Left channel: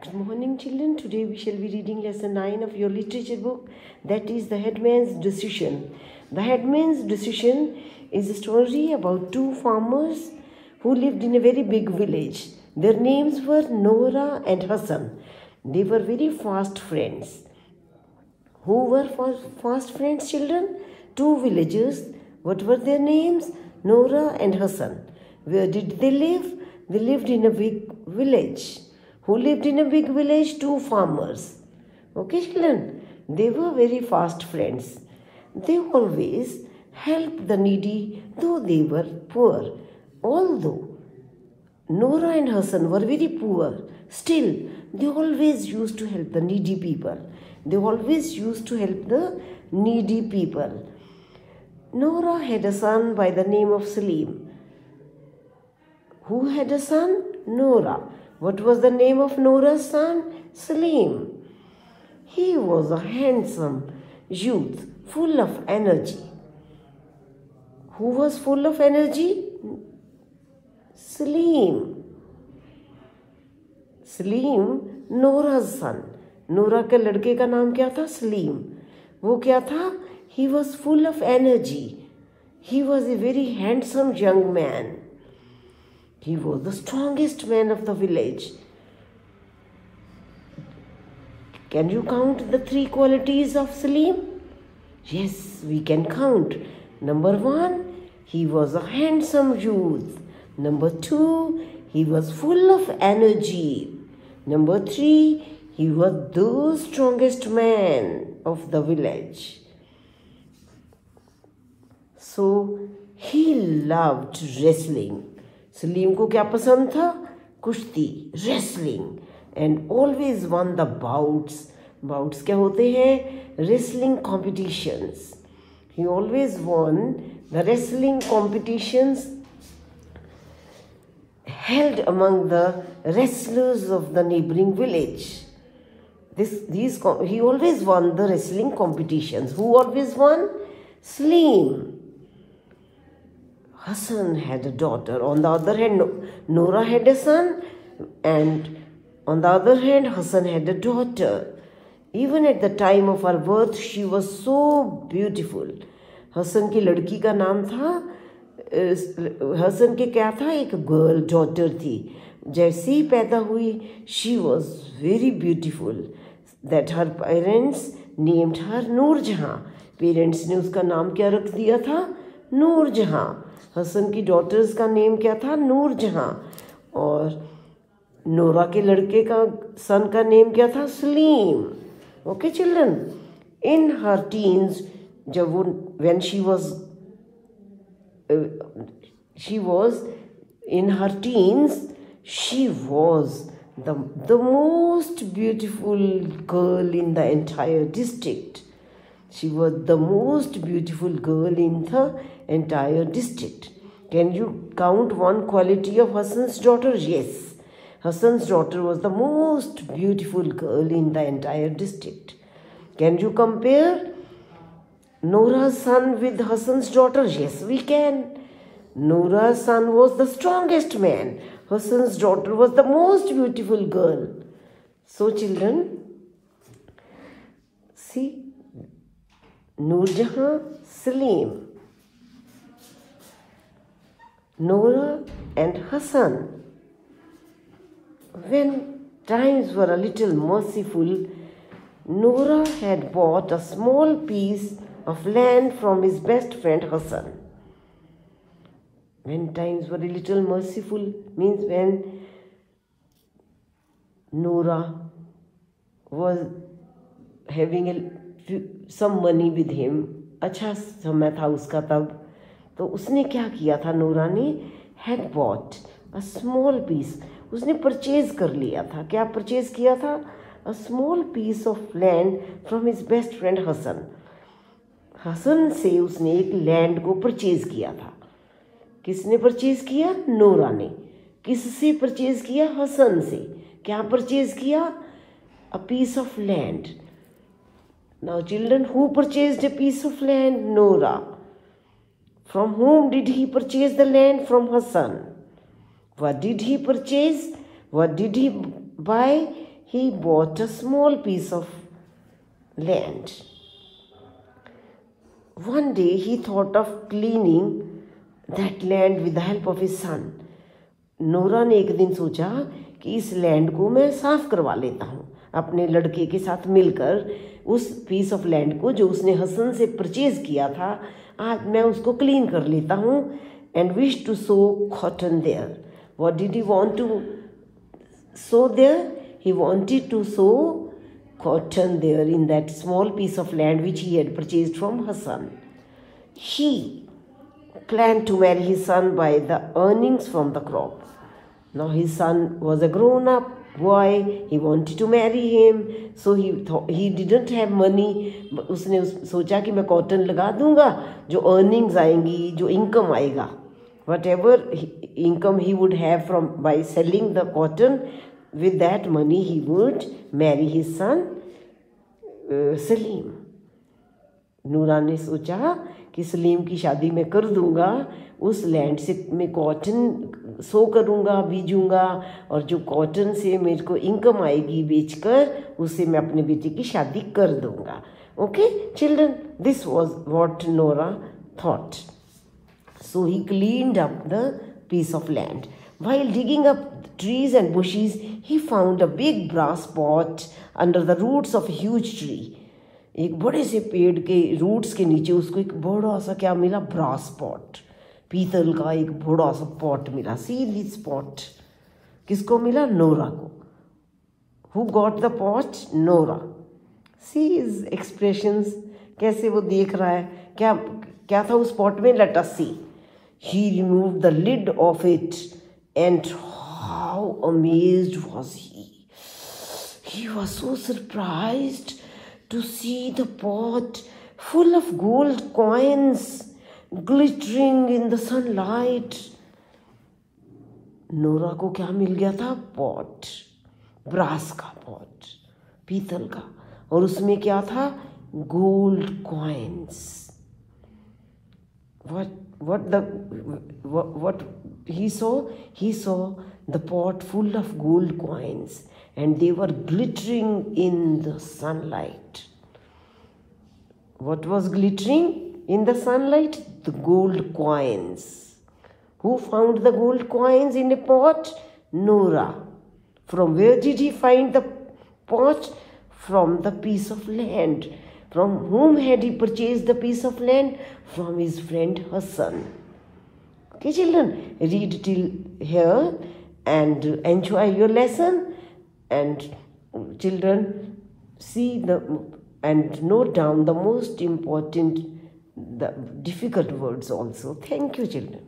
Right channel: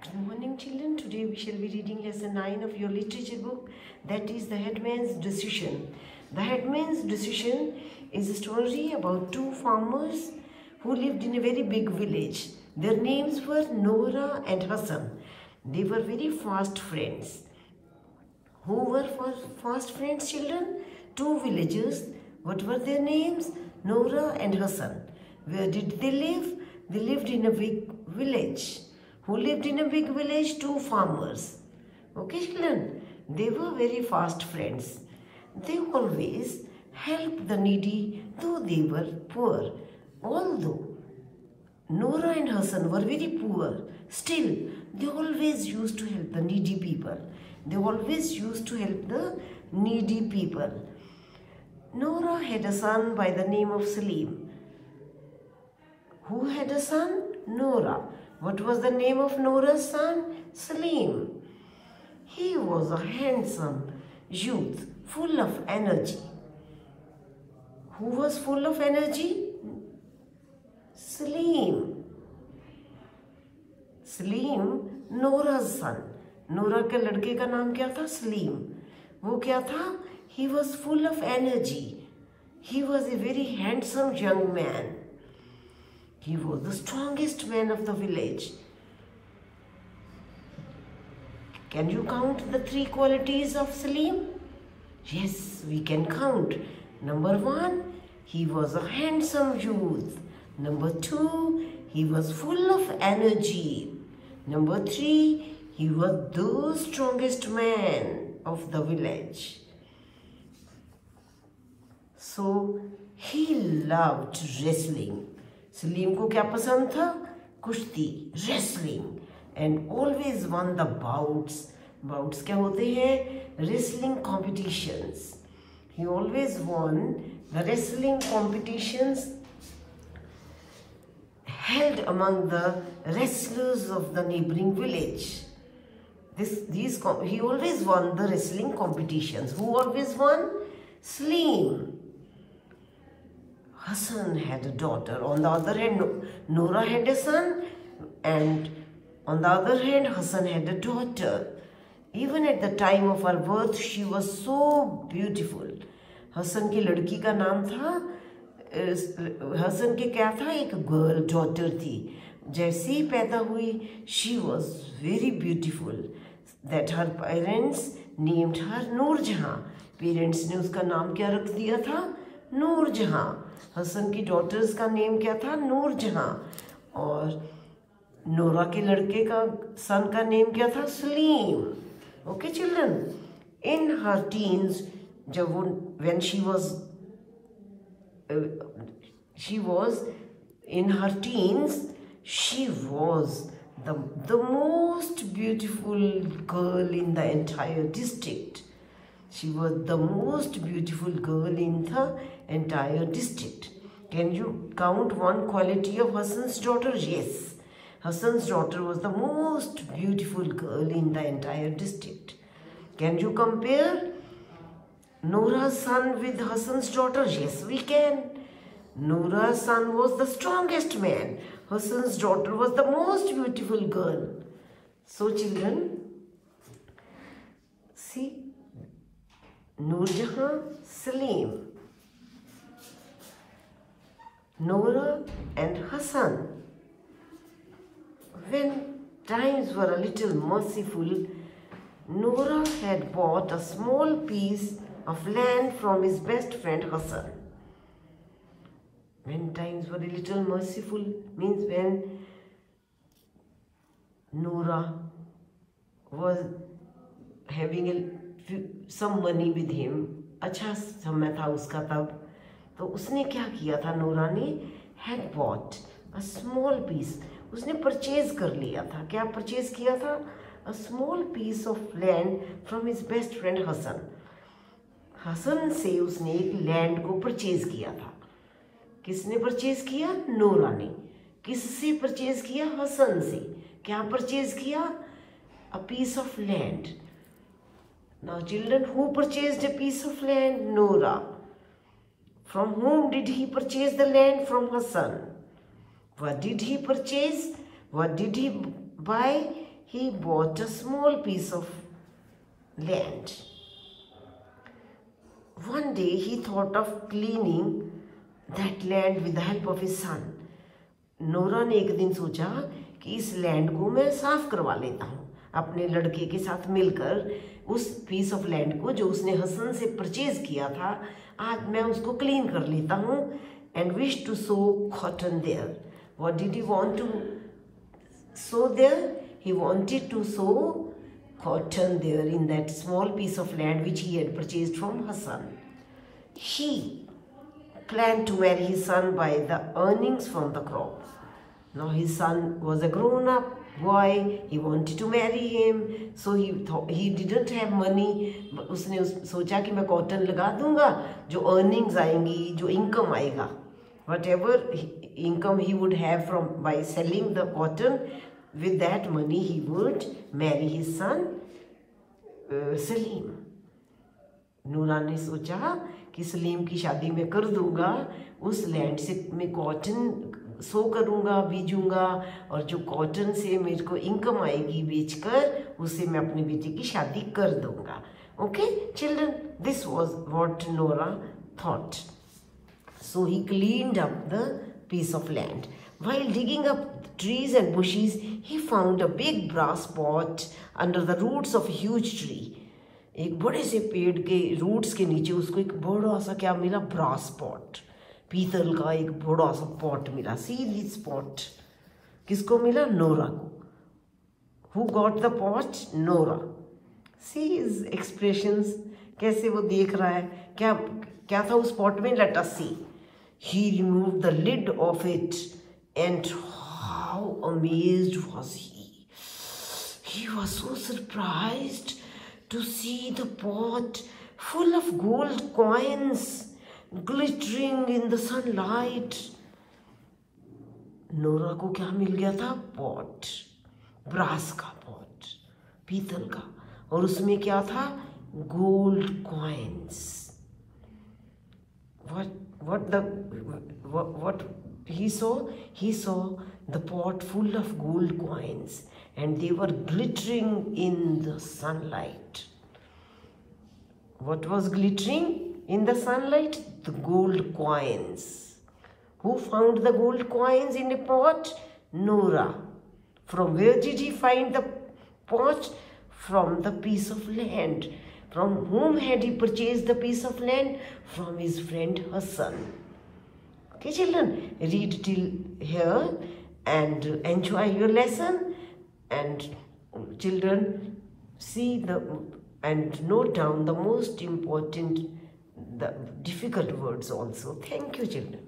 Good morning, children. Today we shall be reading lesson 9 of your literature book, that is The Headman's Decision. The Headman's Decision is a story about two farmers who lived in a very big village. Their names were Nora and Hassan. They were very fast friends. Who were fast friends, children? Two villagers. What were their names? Nora and Hassan. Where did they live? They lived in a big village. Who lived in a big village? Two farmers. Okay, children? They were very fast friends. They always helped the needy, though they were poor. Although Nora and Hassan were very poor, still they always used to help the needy people. They always used to help the needy people. Nora had a son by the name of Salim. Who had a son? Nora. What was the name of Nora's son? Salim. He was a handsome youth, full of energy. Who was full of energy? Salim. Salim, Nora's son. Nora के लड़के का नाम क्या था? सलीम. वो क्या था? He was full of energy. He was a very handsome young man. He was the strongest man of the village. Can you count the three qualities of Salim? Yes, we can count. Number 1, he was a handsome youth. Number 2, he was full of energy. Number 3, he was the strongest man of the village. So, he loved wrestling. Salim को क्या पसंद था? कुश्ती, wrestling, and always one the bouts. Bouts क्या होते हैं? Wrestling competitions. He always one the wrestling competitions held among the wrestlers of the neighboring village. He always won the wrestling competitions. Who always won? Salim. Hassan had a daughter. On the other hand, Nora had a son, and on the other hand, Hassan had a daughter. Even at the time of her birth, she was so beautiful. Hassan की लड़की का नाम था, हसन के क्या था? एक girl daughter थी. जैसे ही पैदा हुई, she was very beautiful. That her parents named her Noorjahan. Parents ने उसका नाम क्या रख दिया था? नूरजहां. हसन की डॉटर्स का नेम क्या था? नूरजहां. और नोरा के लड़के का सन का नेम क्या था? सलीम. ओके चिल्ड्रन, इन हर टीन्स, जब वो when she was in her teens, she was the most beautiful girl in the entire district. She was the most beautiful girl in the entire district. Can you count one quality of Hassan's daughter? Yes. Hassan's daughter was the most beautiful girl in the entire district. Can you compare Nora's son with Hassan's daughter? Yes, we can. Nora's son was the strongest man. Hassan's daughter was the most beautiful girl. So children, see, Noorjahan, Salim, Nora and Hassan. When times were a little merciful, Nora had bought a small piece of land from his best friend Hassan. When times were a little merciful means when Nora was having some money with him. अच्छा समय था उसका तब. तो उसने क्या किया था? नोरा ने had bought a small piece. उसने परचेज कर लिया था. क्या परचेज किया था? A small piece of land from his best friend Hassan. Hasan से उसने एक लैंड को परचेज किया था. किसने परचेज किया? नोरा ने. किससे परचेज किया? हसन से. क्या परचेज किया? A piece of land. Now children, who purchased a piece of land? Nora. From whom did he purchase the land? From Hassan. What did he purchase? What did he buy? he bought a small piece of land. One day he thought of cleaning that land with the help of his son. Nora ने एक दिन सोचा कि इस land को मैं साफ करवा लेता हूँ अपने लड़के के साथ मिलकर। उस पीस ऑफ लैंड को जो उसने हसन से परचेज किया था, आज मैं उसको क्लीन कर लेता हूँ। And wish to sow cotton there. What did he want to sow there? He wanted to sow cotton there in that small piece of land which he had purchased from Hassan. He planned to marry his son by the earnings from the crop. Now his son was a grown-up boy. He wanted to marry him, so he didn't have money. उसने सोचा कि मैं cotton लगा दूंगा, जो earnings आएंगी, जो income आएगा, whatever income he would have from by selling the cotton. With that money he would marry his son Salim. नूरा ने सोचा कि सलीम की शादी मैं कर दूंगा, उस लैंड से मैं कॉटन सो करूंगा, बीजूंगा, और जो कॉटन से मेरे को इनकम आएगी बेचकर, उससे मैं अपने बेटे की शादी कर दूंगा। Okay children, this was what Nora thought. So he cleaned up the piece of land. While digging up trees and bushes, he found a big brass pot under the roots of a huge tree. एक बड़े से पेड़ के roots के नीचे उसको एक बड़ा सा क्या मिला? ब्रास पॉट, पीतल का एक बड़ा सा पॉट मिला। See this pot, किसको मिला? नोरा को। Who got the pot? Nora. See his expressions, कैसे वो देख रहा है। क्या था उस पॉट में? Let us see. He removed the lid of it, and how amazed was he! He was so surprised to see the pot full of gold coins glittering in the sunlight. Nora को क्या मिल गया था? Pot, brass का pot, पीतल का, और उसमें क्या था? Gold coins. What he saw? He saw the pot full of gold coins, and they were glittering in the sunlight. What was glittering in the sunlight? The gold coins. Who found the gold coins in a pot? Nora. From where did he find the pot? From the piece of land. From whom had he purchased the piece of land? From his friend Hassan. Okay children, read till here and enjoy your lesson, and children see and note down the most important, the difficult words also. Thank you children.